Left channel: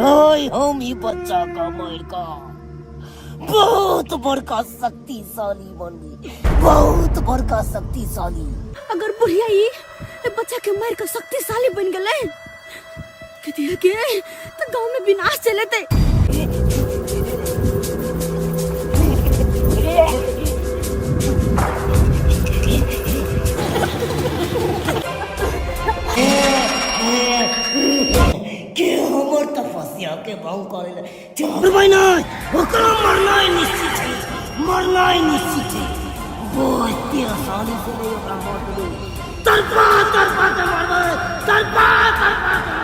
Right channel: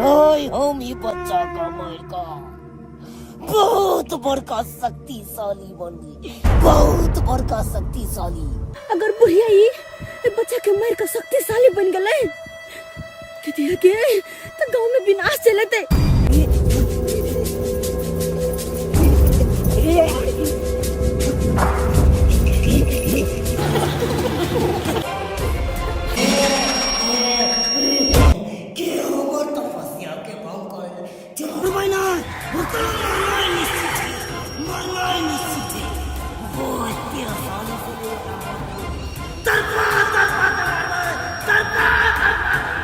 ओए हम ही बच्चा का मार का बहुत बड़का शक्तिशाली बन गई, बहुत बड़का शक्तिशाली। अगर बुढ़िया ये बच्चा के मार का शक्तिशाली बन गए के तो गांव में विनाश चलते। मरना ही निश्चित है। वो इतनी आसानी से नहीं होगा मर। तरपा तरपा तो मर, तरपा तरपा तो मर।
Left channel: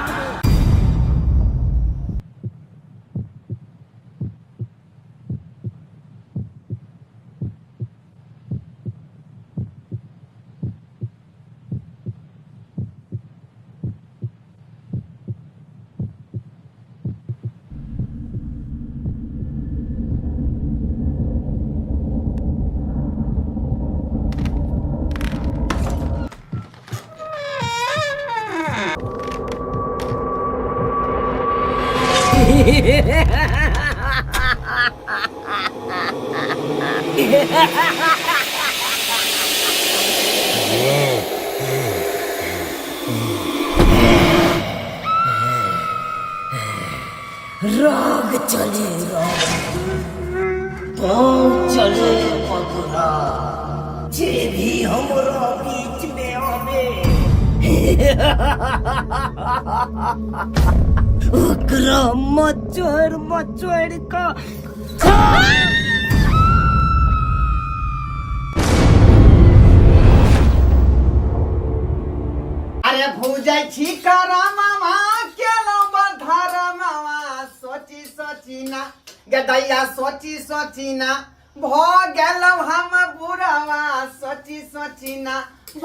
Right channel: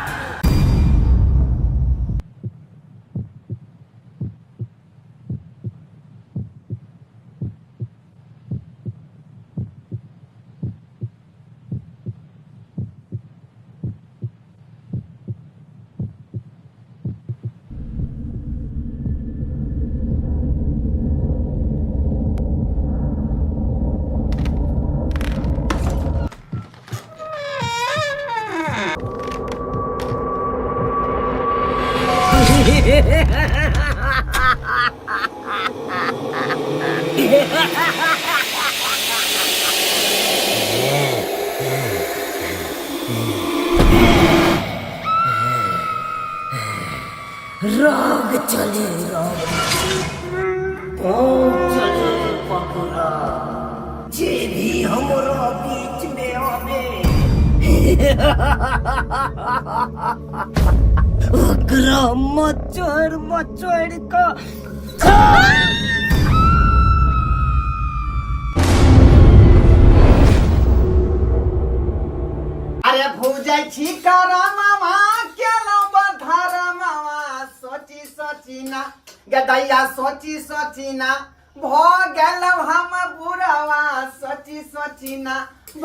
राग चले राग, चले पकड़ा, जे भी हमरा बीच में आवे ओकरा मचोड़ का अरे भूजाई छी करा मामा केलो बधारा मामा सोची ना गदैया सोची ना भ गेलो हम बुढ़वा सोची ना भ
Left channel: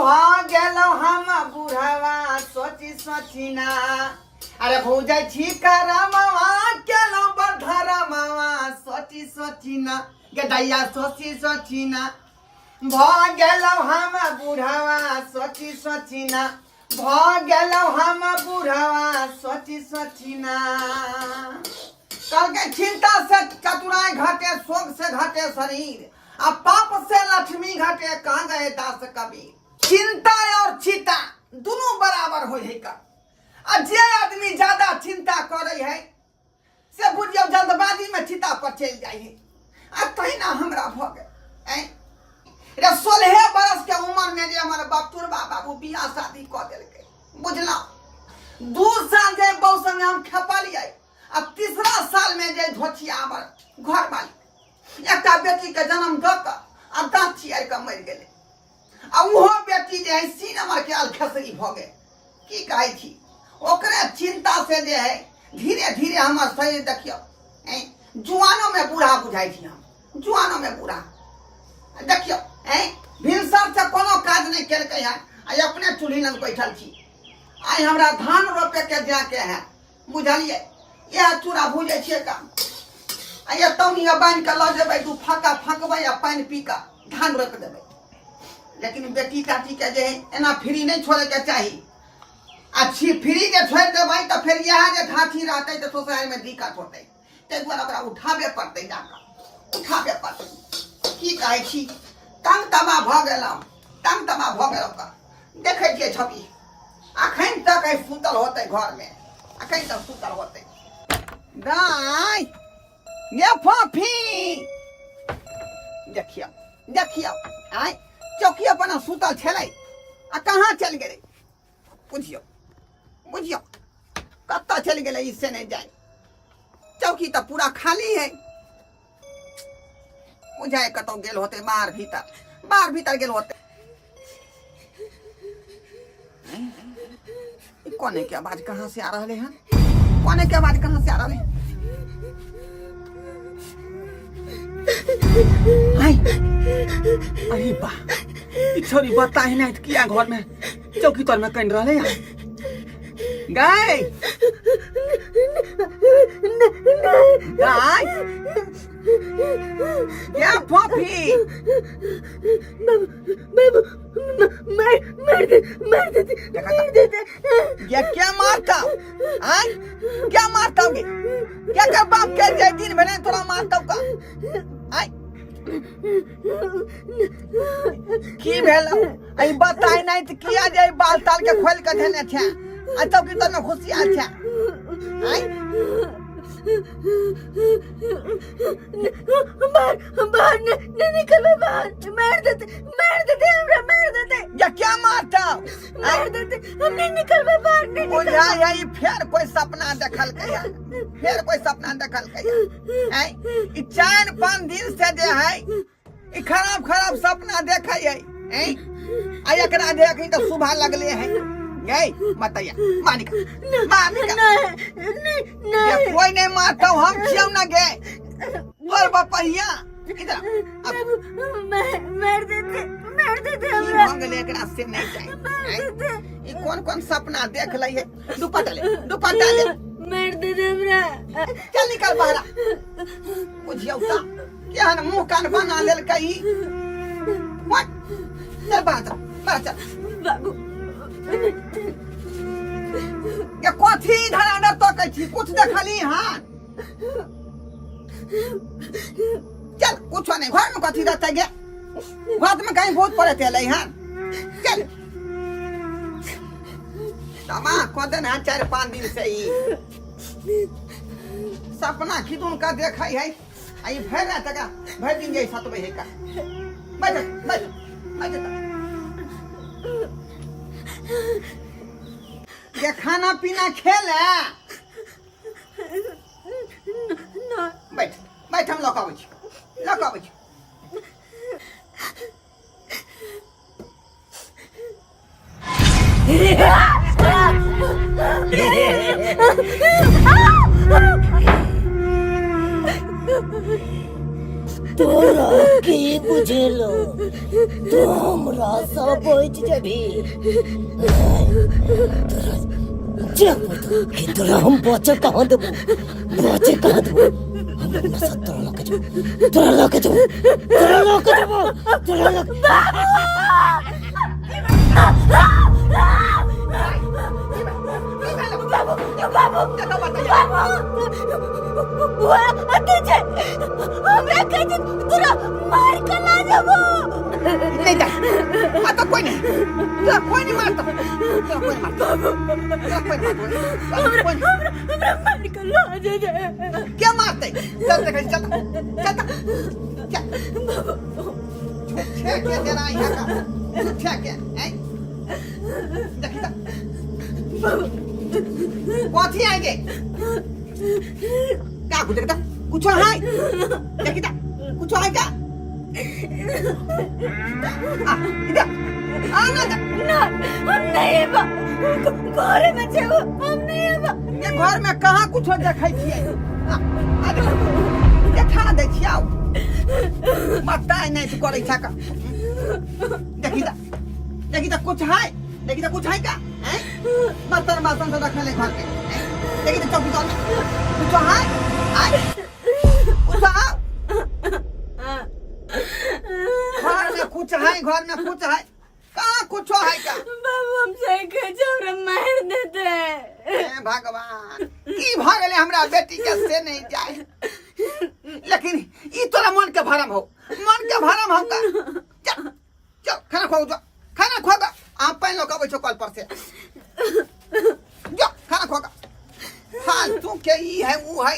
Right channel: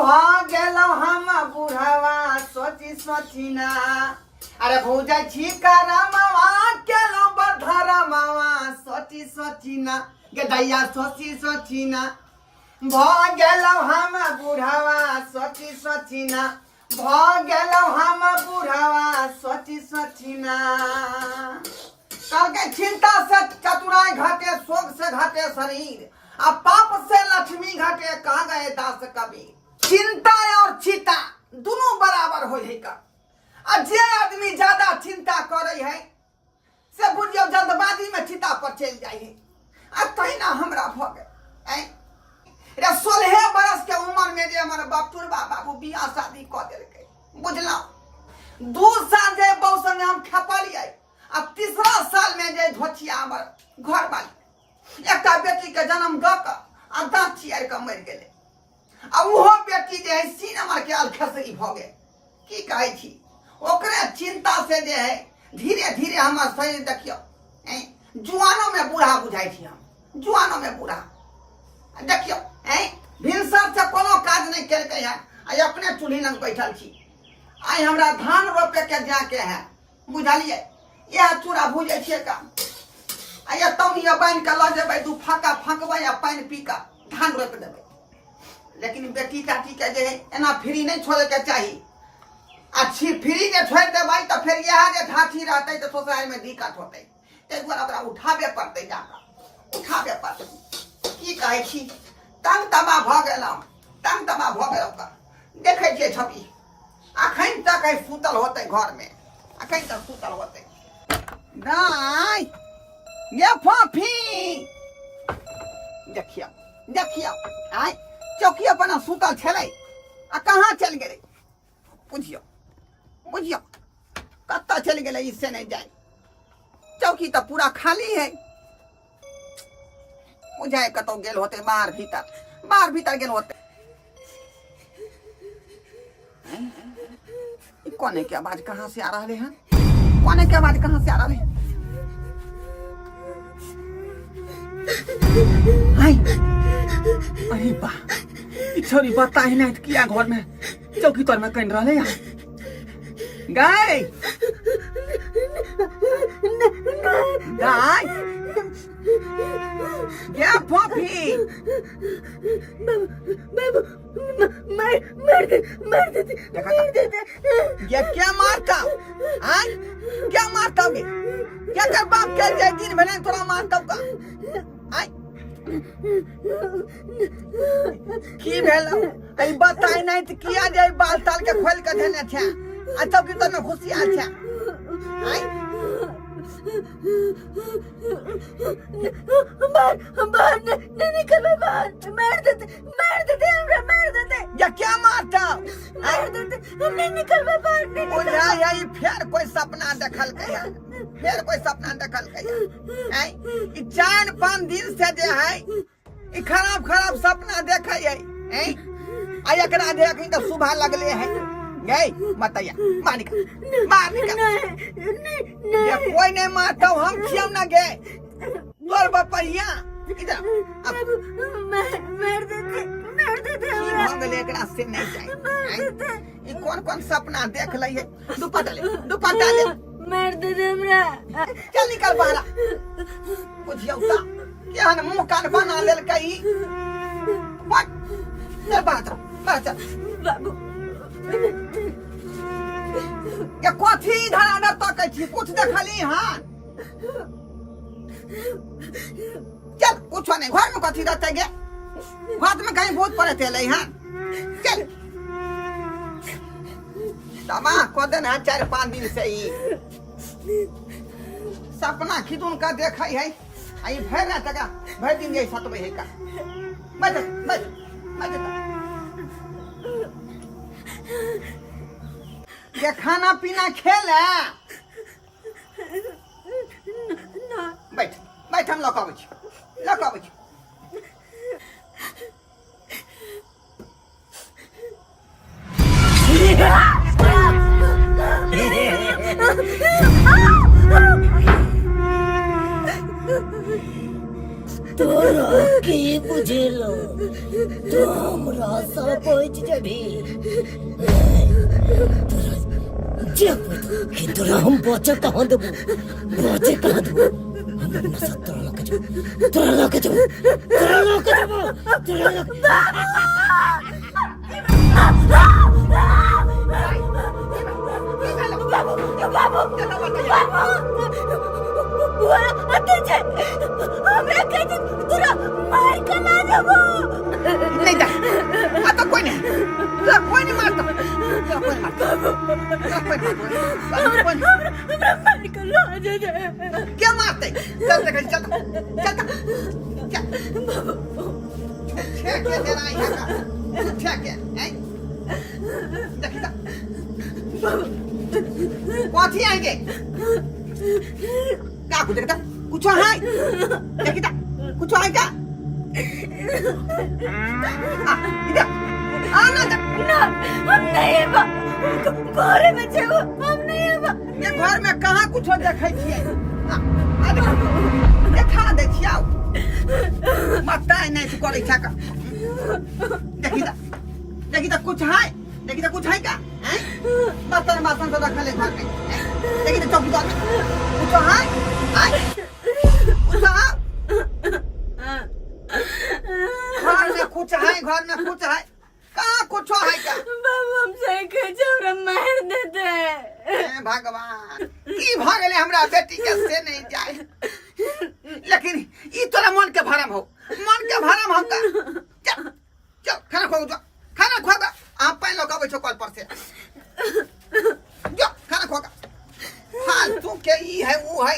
गेलो हम बुढ़वा सोची ना। अरे भूजाई छी करा मामा केलो बधारा मामा सोची ना गदैया सोची ना भ गेलो हम बुढ़वा सोची ना भ गेलो हम बुढ़वा सोची ना। कहके चिंता से चतुराई घटे, शोक से घटे शरीर, अब पाप से लक्ष्मी घटे, कहाँ गए दास कबीर। चिंता और चिता दोनों बराबर हो का। जे आदमी ज्यादा चिंता करे है से बुझियो जल्दबाजी में चिता पर चल जाए। कहीं ना हमरा भ गए 16 बरस के उम्र में जे हमारे बापटुरबा बाबू बियाह शादी क देलके, बुझला 2 साल जे बहु संगे हम खेपलिए, अब 3रा साल में जे धोचिया हमर घर वाली एकटा बेटी के जन्म द के आ दांत चियार के मर गेले। आ उहो बेटी जे है सी नंबर के अलखसरी भ गए। की कहै छी ओकरे चिंता से जे है धीरे धीरे हमर शरीर देखियो जुआनो में बूढ़ा बुझाई छी। हम जुआनो में बूढ़ा देखियो भिनसर से कोनो काज नहीं केलकै है, आई अपने चूल्ही लग बैठल छी। आई हमरा धान रोपे के जाके है, बुझलिए यह चूड़ा भूजे छिए का आई तौनिया बांध के ल जेबै, 2 फाका फंकबै आ पानी पी के धान रोप देबै। लेकिन बेटी काटी के जे एना फ्री नहीं छोड़े के चाहिए। अच्छी फ्री के छोड़ देबै तो फिर यह जे धाथी रहते तो सोसाइटी में दिक्कत होते, ते दुआरे ओकरा उठाबे पड़ते, जाकर उठाबे पड़ते। की कहै छी तंग तमा भ गेलौ, तंग तमा भ गेलौ का देखै छियै छवि। अखन तक सुतल होते घर में, अखन तक सुतल होते। दाई ये फफी देखियो देखियो आई चौकी पर सुतल छलै आ कहाँ चल गेलै, बुझियो बुझियो कत्ता चल गेलै इससे नहीं जाए। चौकी तो पूरा खाली है, बुझाए कतौ गेल होते बाहर भीतर गेल होते। कोने की आवाज कहाँ से आ रहे हैं, कोने की आवाज कहाँ से आ रहे हैं। अरे बा छोरी बता ही नहीं किया घर में चौकी तर में कहीं रहे हैं गाय गाय क्या फॉफी मार देते। ये क्या मारता हाँ क्या मारता होगे क्या कर बाप कह जाए दिन भर थोड़ा मारता का हाँ की भेल आई बताए नहीं तो किया जाए बाल ताल के खोल के देने थे अच्छा की तो खुशी अच्छा हाँ बाहर नहीं निकल बाहर मार देते हमरा मार देते। या क्या मारता मार देते हम नहीं निकल बाहर नहीं बुझा यही फिर कोई सपना देखल कहिया फिर कोई सपना देखल कहिया हैं ई 4-5 दिन से जे है ई खराब सपना देखे है हैं आ एकरा देख तो सुबह लगले है गई मतैया मानिका ये कोई नहीं मारता हम छियौ ना गे तोर बपहिया इधर अब मार देते की भंग लेकरा से नहीं जाए ई कौन सपना देख लई है दुपट्टा ले मार देते हमरा। चल निकल बाहर बुझियौ ता क्या न मुंह कान बना लेल कई मत चल बाहर चल बाबू ये कथी इधर तो कह छी कुछ देखली हां चल कुछ नहीं घर में कथी रहते गे घर में कहीं बहुत पड़े थे हां चल तमा को दिन है 4-5 दिन से ही सपना खिदुन का देखई है आई भर ना तका भर दिन गई 7 बजे का बैठ ये खाना पीना खेले बैठ हम लौकाबै छी तोरा की बुझेलो तो हमरा सब बच जबी तोरा जब कि तोरा हम बचे कहाँ देबो हम अपना साथ तोरा लके जबो नहीं जा आता कोई नहीं मारता क्या मारते चल कथी आएंगे क्या कुछ देखता कुछ है देखता कुछ है क्या इधर आना ना हम नहीं घर में छे हम नहीं ये घर में कहाँ कुछ देखै छियै देखा दे छियौ मताई नहीं करे छ का देखी त कुछ है का हैं बर्तन बासन सब रखले घर में देखी त चौकी में कुछ है कुछ है घर में कुछ है कहाँ कुछ है क्या बाबू हमसे कचौरा मार देते भगवान की भागले हमरा बेटी के से नहीं जाए लेकिन ई तोरा मन के भरम हो का चल खाना खो गा आप पैन लोग आबै छो कल पर से जो खाना खो गा फालतू के ई है वो है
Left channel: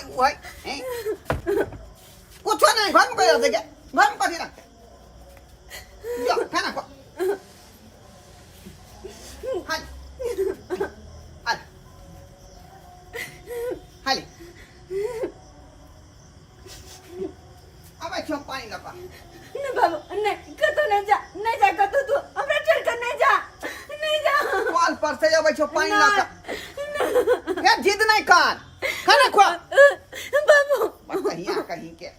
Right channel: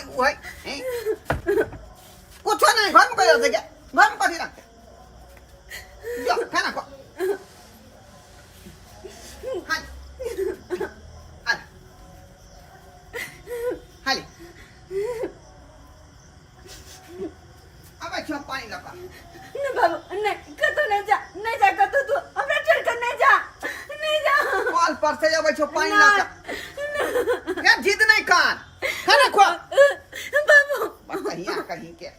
कुछ नहीं घर में कोई रख दे घर में कथी रखते जो खाना खो हाली अब अच्छा पानी लगा नहीं बाबू नहीं कतो नहीं जा कतो तू हमरा छोड़ कर नहीं जा कॉल पर से अब अच्छा पानी लगा यार जिद नहीं कर खाना खो बाबू बस कहीं के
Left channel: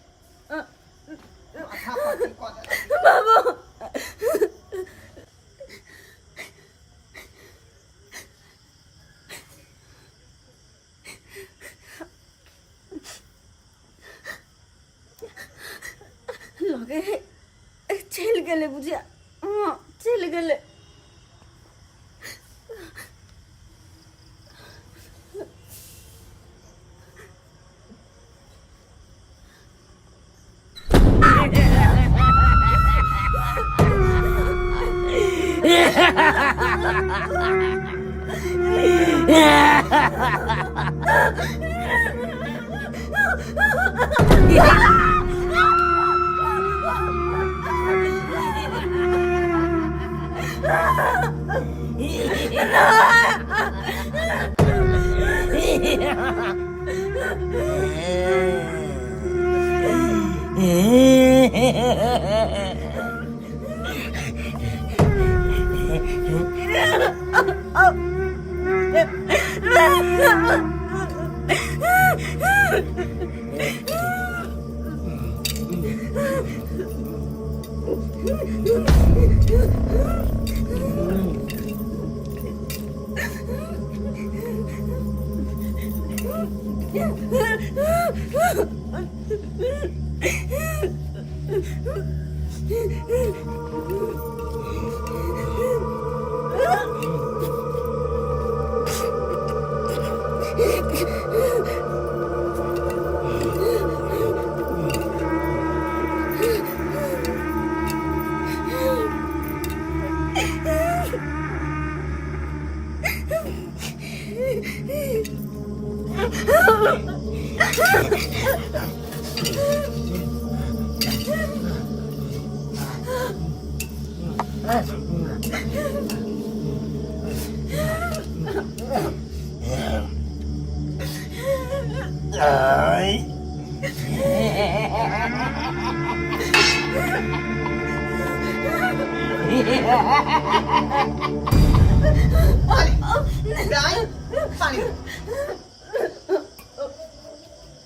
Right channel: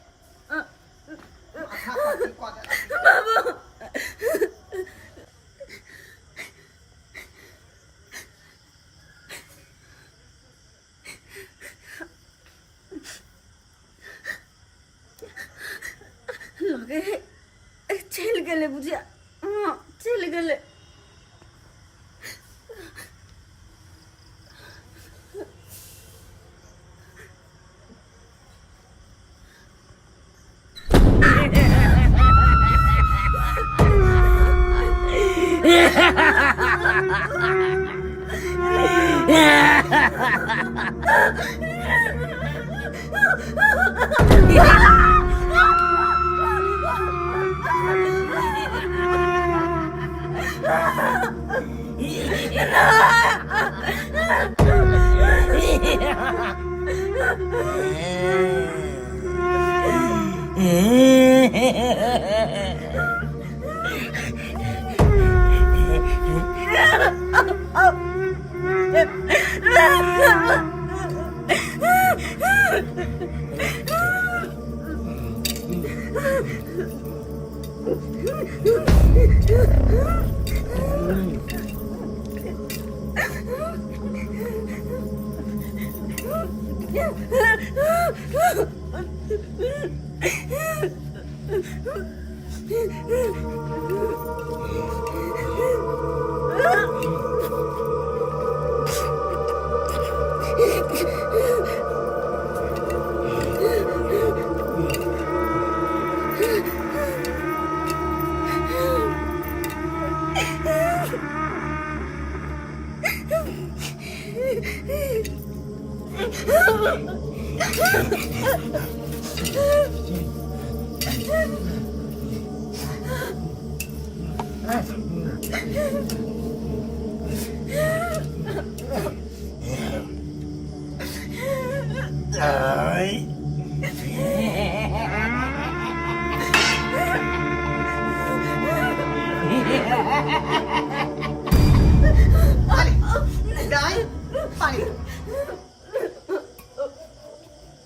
माथा पर को दे बाबू लगे चल गले बुझिया चल गले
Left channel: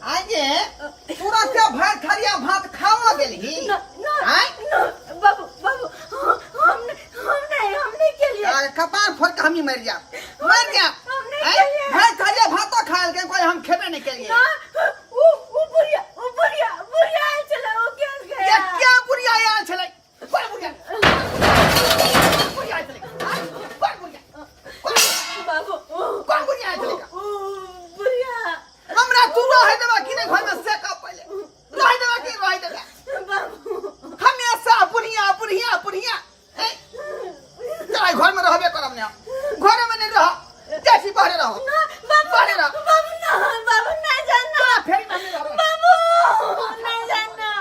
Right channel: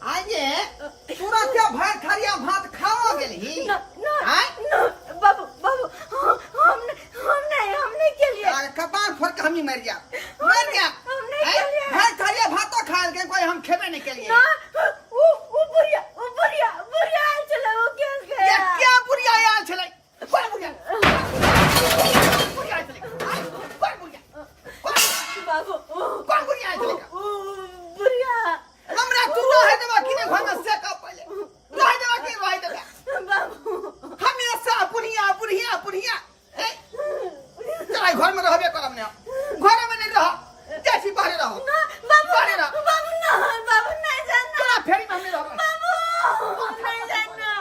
आगे पूरा क्या भात खरिया भात खावा गेली बाबू बाबू हमने के लिए कपार फोड़ के हम ही मर गया भात खरिया भात तो खा के कोई हम खेबे नहीं के लिए वो बुढ़िया चला वो क्या बुढ़िया यार चले कौन बुढ़िया बाबू कौन बुढ़िया चलेगा बुढ़िया हमरा तू रह देबा कि नहीं घर में से का पहले रह देबा कि रह देबा बाबू हमेशा बुढ़िया चला घर में रहबे करब ने घर में नहीं रह जैसी बाहर रहो बाहर रहो बाबू नहीं जाना चला फेरी में नहीं रहबे बाबू नहीं जाना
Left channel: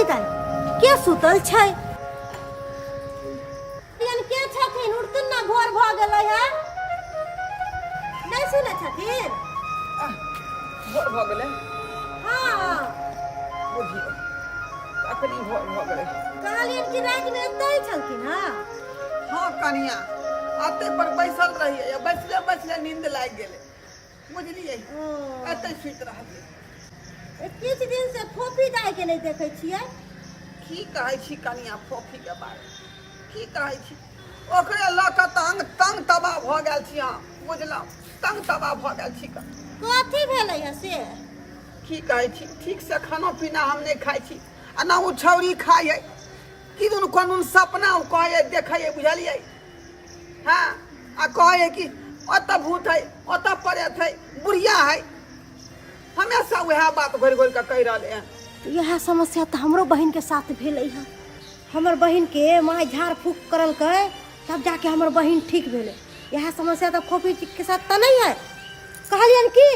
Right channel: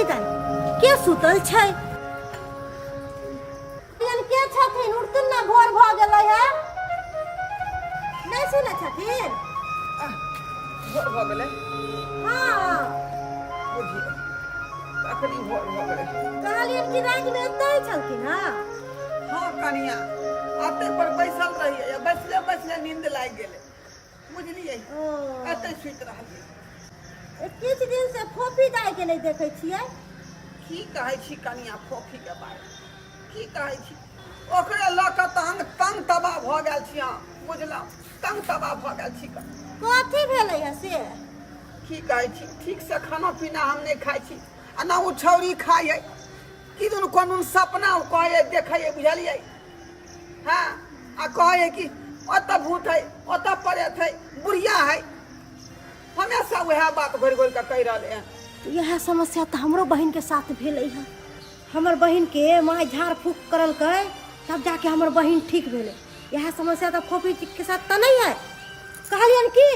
कितान के सुतल छै यानी के छथिन उठतन ना भोर भ गेलै है नहीं सुनै छथिन भोर भ गेलै हां बुझी अखनी भोर भ गेलै कहलियन कि रात में एतै छलखिन हां हां कनिया आते पर बैसल रहिए या बैसले नींद लाग गेलै बुझलिए एतै सुत रहलिए किछ दिन से फोफी दाई के नहीं देखे छियै की कहै छी कनिया फोफी के बारे की कहै छी ओकरे ल क तंग तबाह भ गेल छी हां बुझलौ तंग तबाह भ गेल छी कथी भेलै से की कहै छी ठीक से खाना पीना हम नहीं खाइ छी आ ना उ छौरी खाइए कि दुन कोन सपना कहै देखै बुझलिए हां आ कहै कि ओत भूत है ओत परेत है बुढ़िया है हमेशा वह बात घोर घोर के कह रहे हैं यह समस्या तो हमरो बहन के साथ भेलै है हमर बहन के माय झाड़ फूक करल के तब जाके हमर बहन ठीक भेलै यह समस्या तो फोफी के साथ तो नहीं है कहलियन कि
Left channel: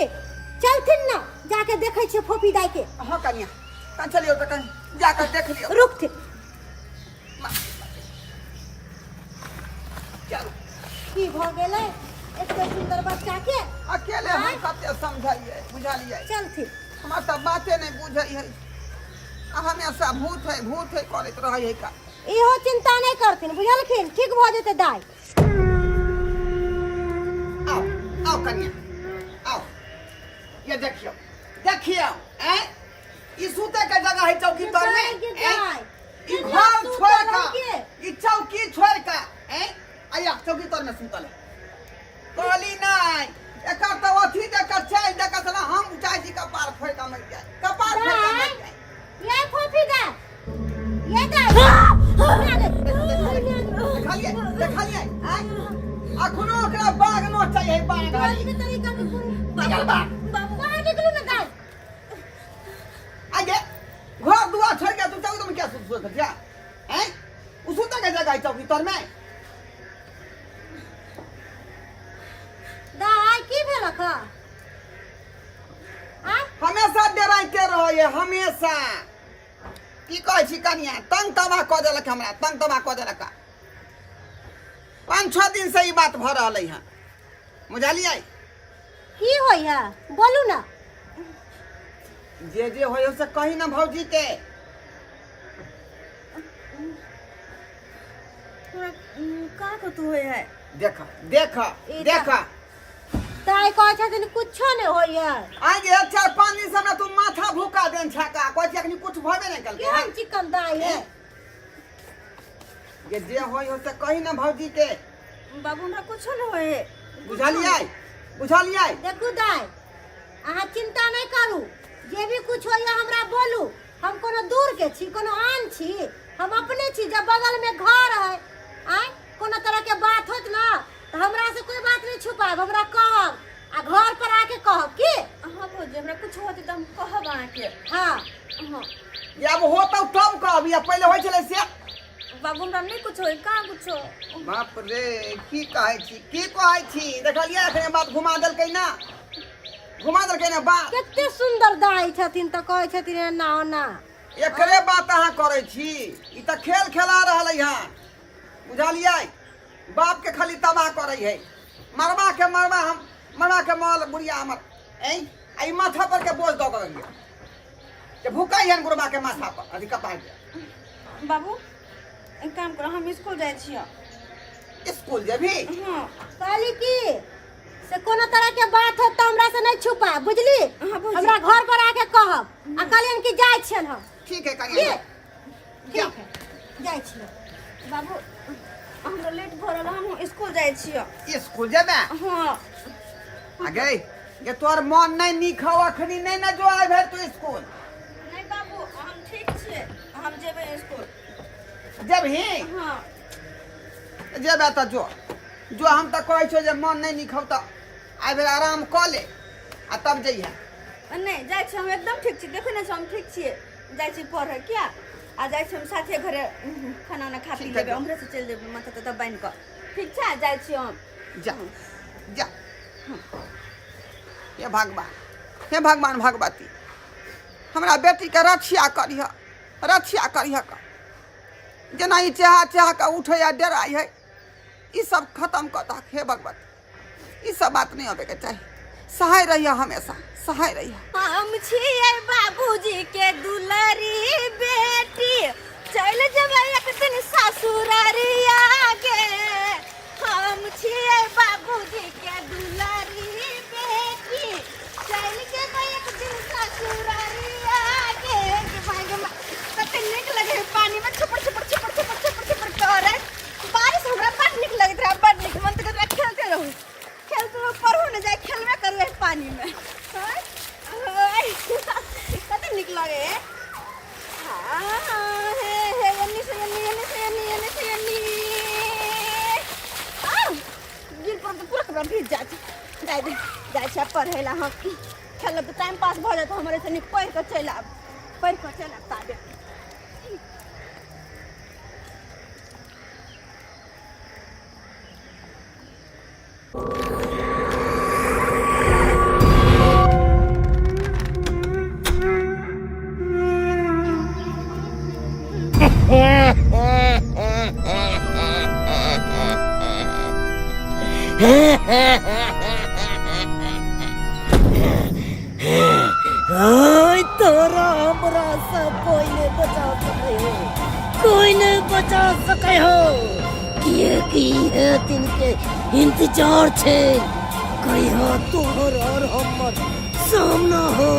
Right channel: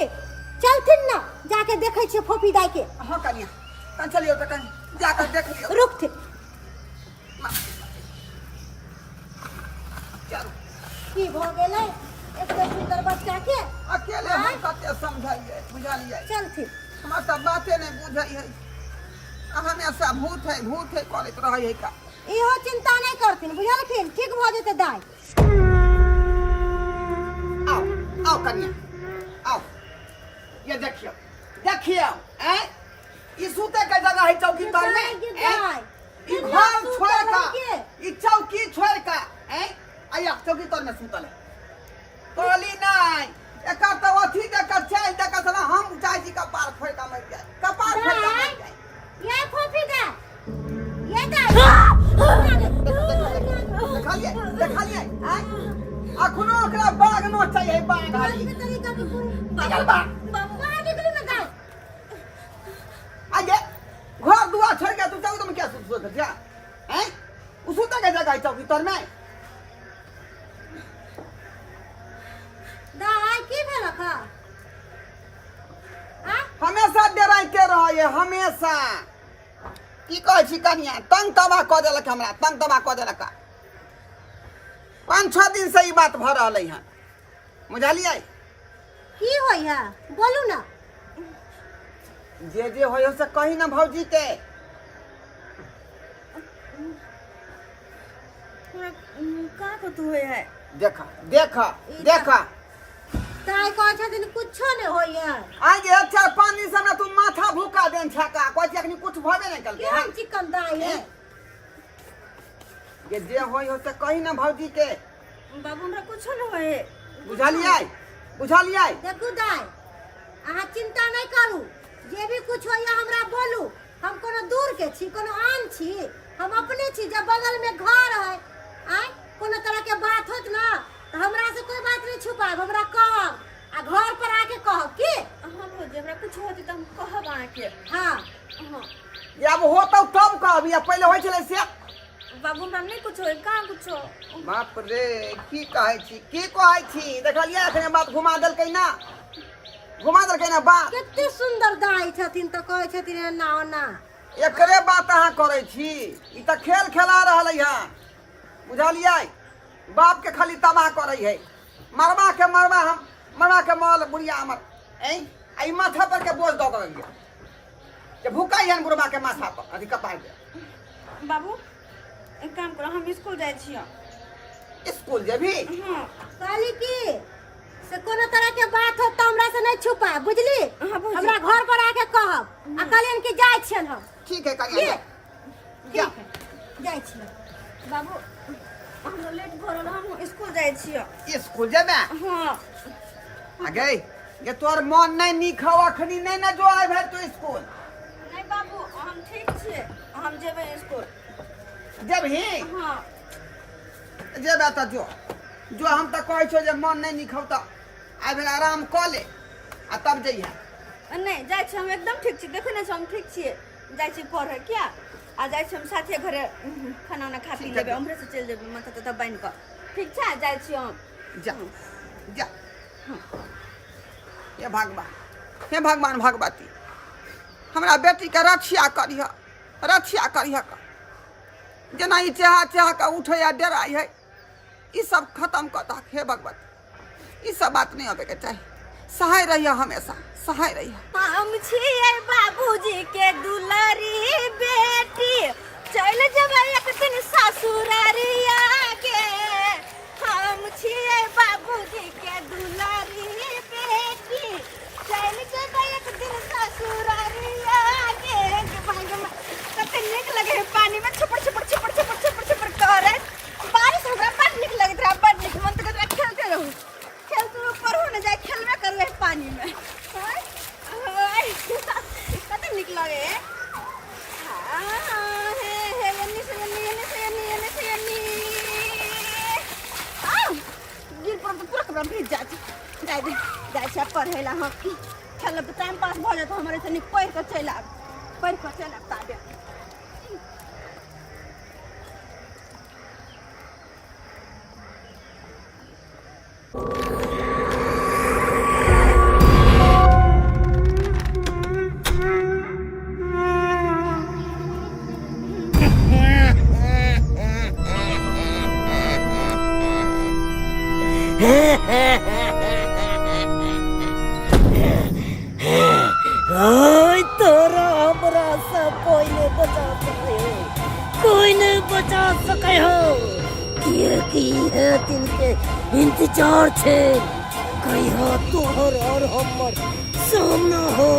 चलथिन ना जाके देखै छियै फोफी दाई के हां कनिया कन चलियो त कन जाके देख लियो रुकथिन चल की भ गेलै एते सुंदर बच्चा के अकेले हम कते समझाइए बुझलिए चलथिन हमरा त बाते नहीं बुझै है हमेशा भूत है करत रहै है का इहो चिंता नहीं करथिन बुझलखिन ठीक भ जेतै दाय आओ आओ कन्या आओ ये देखियो देखियो हैं ई सूते के जगह है चौकी तर में ई घर छोड़ का ई चौकी छोड़ का हैं आया चौकी तर में सुतल है कहली नहीं एका तो अथी देकर चल देकर चला हम उठाई जी का पार फोड़ का मर जाए कपार फोड़ का मर जाए ये फोफी दा ये दा देखा लिए अखनो ओकरा बाग नो चाहिए बाग हाली निकल बाग बाबू कहां निकलू ना दाय आगे घर दुआर छोड़ के तू चौक में क्या सोच कर जा हैं उसुता के जगह चौकी तर में दाय की भेल का हमेशा डराइते रहे हमेशा की कहे छी कनिया तंग तबाह क देलक हमरा तंग तबाह क देलक 5-6 दिन से ई बात भ रहलै हन बुझलियै की होय है बोलू ना जे होय से कही ना भौजी के का को तू होय है देखा देखा देखा दाय कहै छथिन कुछो नहीं होय है आगे 4-5 दिन से हमरा तू माथा भूका देन छका कोइ अखनी कुछ भबे नहीं कल केहन चिकन दाय है ये जे होय से कही ना भौजी के बाबू हमरा कुछ न होय बुझलियै देखू दाय अहाँ चिंता नहीं करू जे भी कुछ होय हमरा बोलू हम कोनो दूर के छी कोनो आन छी हम अपने छी जब बगल में घर है आय कोनो तरह के बात होत ना तो हमरा से कोई बात नहीं छुपाब हमरा कहब आ घर पर आके कहब की हां भौजी हमरा कुछ होते त हम कहब आके हां हां या अब होतौ तब कहब या पहले होय छले से बाबू हमरा नहीं कुछ होय का कुछ बाप रे की कहै छी देखलियै अखने बात घुमा देलकै ना बात कितने सुंदर दाई छथिन त कहै छथिन ना ना एकरे बात अहाँ करै छी ई त खेल खेला रहलै हन बुझलियै बाप के खाली तबाह करै है मरवा के माल बुढ़िया हमर आई माथा पर के बोझ दऽ गेलियै जे भूकाई हन बुढ़वा के माथा पर अथी कपार के बाबू एक काम करो हम स्कूल जाय छियै स्कूल जेबी हां कहली की से कोनो तरह के बात हो त हमरा से नहीं छुपा बुझली हाँ, बुझली। हमरा घर पर आके कहब आ कहलियन कि जाय छियन हम ठीक है कनिया ठीक है जाय छियन बाबू हमरा लेट भ रहल हम स्कूल जाय छियै स्कूल जेबे हां आगे ये तोर मन नहीं नीक हौ अखनी नहीं ना जो आइ भेल तू स्कूल नहीं बाबू हम ठीक छियै हम जेबै स्कूल जेबही हां जेबे त जो हम त कहै छौ जे मन नहीं नीक हौ त आइ भेल आराम क ले आ तब जइहा नहीं जाय छी हम एकदम ठीक छी देखै ना हम ठीक छियै जाय छी पढ़े क्या आ जाय छी हम साथे घरे खाना उना खा पी ठीक है, लेबै हमरे से चल जेबै माथा त बांध क ठीक छै जाय छी हम जा जा हे भगवान भगवती हमरा बेटी के रक्षा करिह का जना ई चाह के उठे या डराई है ई सब खत्म कर दा हे भगवती ई सब बात नहीं होवे के चाहिए सहाय रहिया हमेशा सहाय रहिया हम छियै बाबूजी के दुलारी बेटी चल जेबै एक दिन ससुरारिया गे हम छियै बाबूजी के दुलारी बेटी चल जेबै एक दिन ससुरारिया गे भाग कते नीक लगे है पानी में छपड़ करे बारिश हमरा बड़ नीक लगैत रहा बड़ नीक मन त कहत खेलते रहू पढ़ू न जाए खेलबे करिए पानी में कते नीक लगे है हे एन्नी से एन्नी गिर पर तो पूरा कपड़ा भीज जाए छै पढ़े ला हम खेलब तो टाइम पास भ जात हमरे से नीक पढ़ के चल आब ताबे तोरा हमरा से कोई नहीं बचा सके हो कोई नहीं बचा दिन के इंतजार छे कहिया तोहर और हमर सामना हो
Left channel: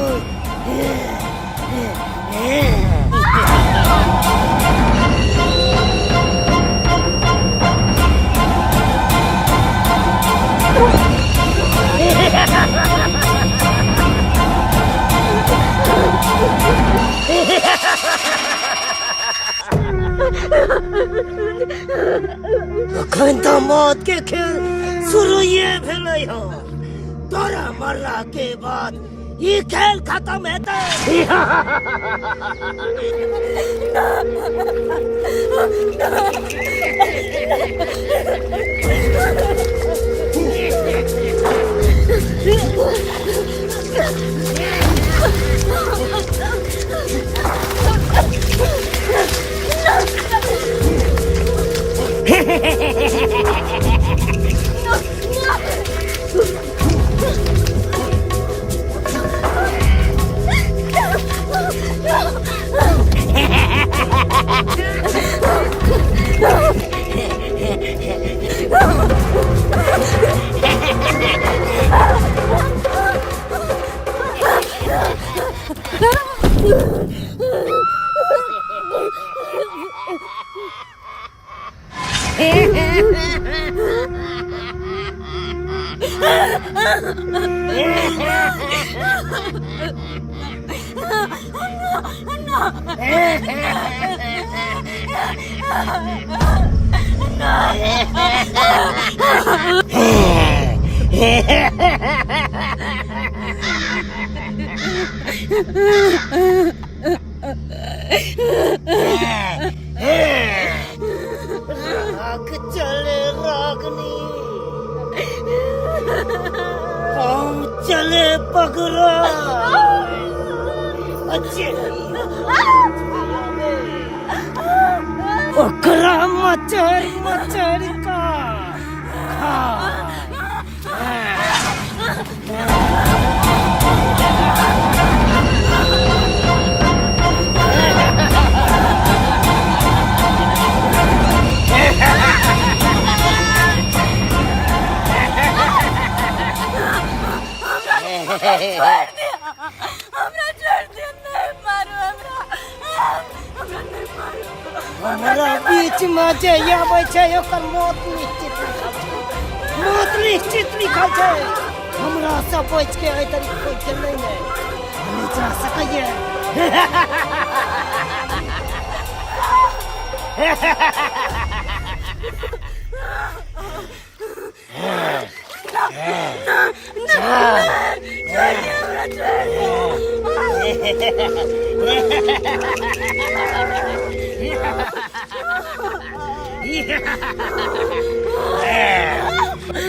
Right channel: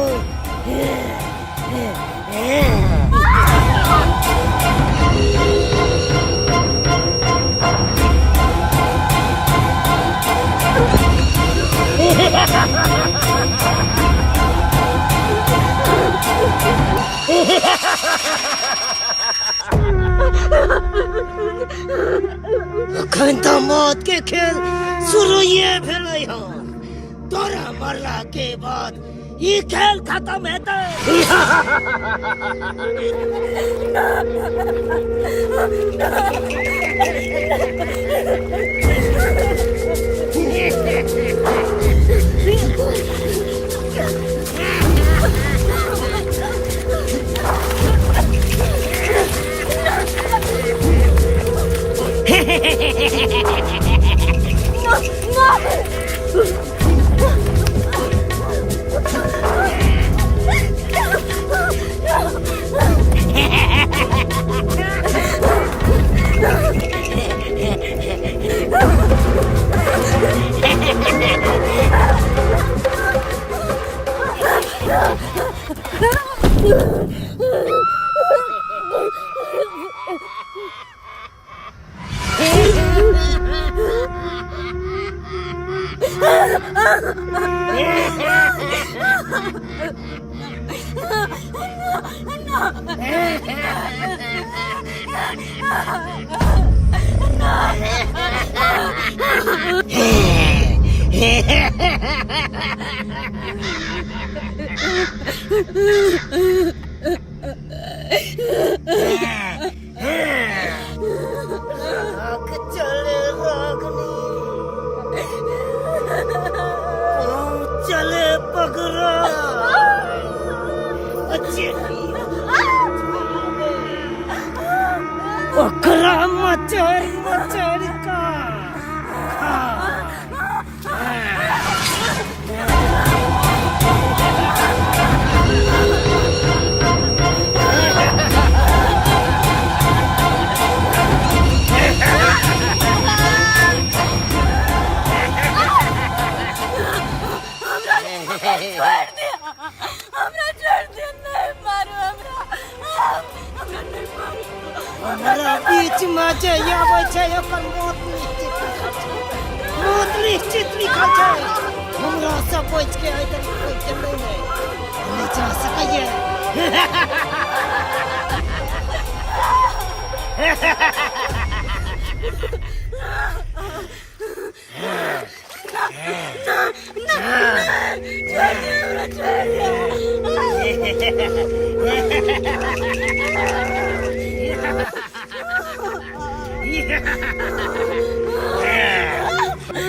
अखन तो मौत के खेल शुरू ये भेलै हो तोरा मरला के बाद ये खेल खत्म हेतै राग चले रागनी पाँव चले पगरा ओकरा मचर मचर का हमरा छोड़ दे नहीं मारो हमरा नहीं मारो हमरा बीच में जे आबै छै ओकर मौत निश्चित लिखल छै हमरा से बच के एहि तरीके चलै नहि हम जा सकैए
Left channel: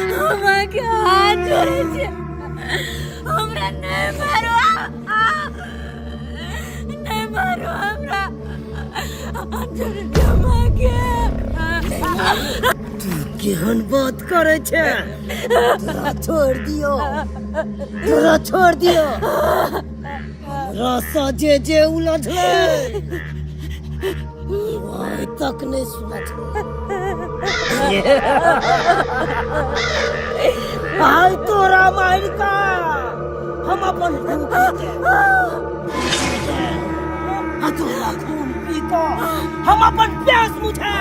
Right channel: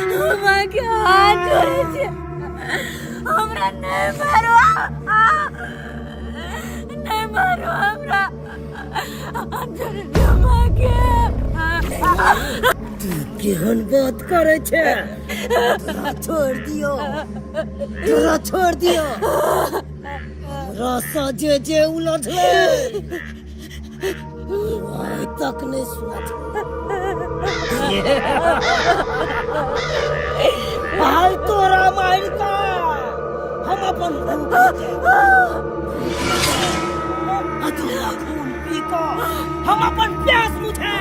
हाथ जोड़े छे हमरा नहीं मारो नहीं मारो हमरा हाथ जोड़े दियो माँ के तू केहन बात करे छे तोरा छोड़ दियो हमरा से जे उलझले आइ तक नहीं सुनत हाल तोरा मार का हम अपन खून पी का हम अपन प्यास बुझा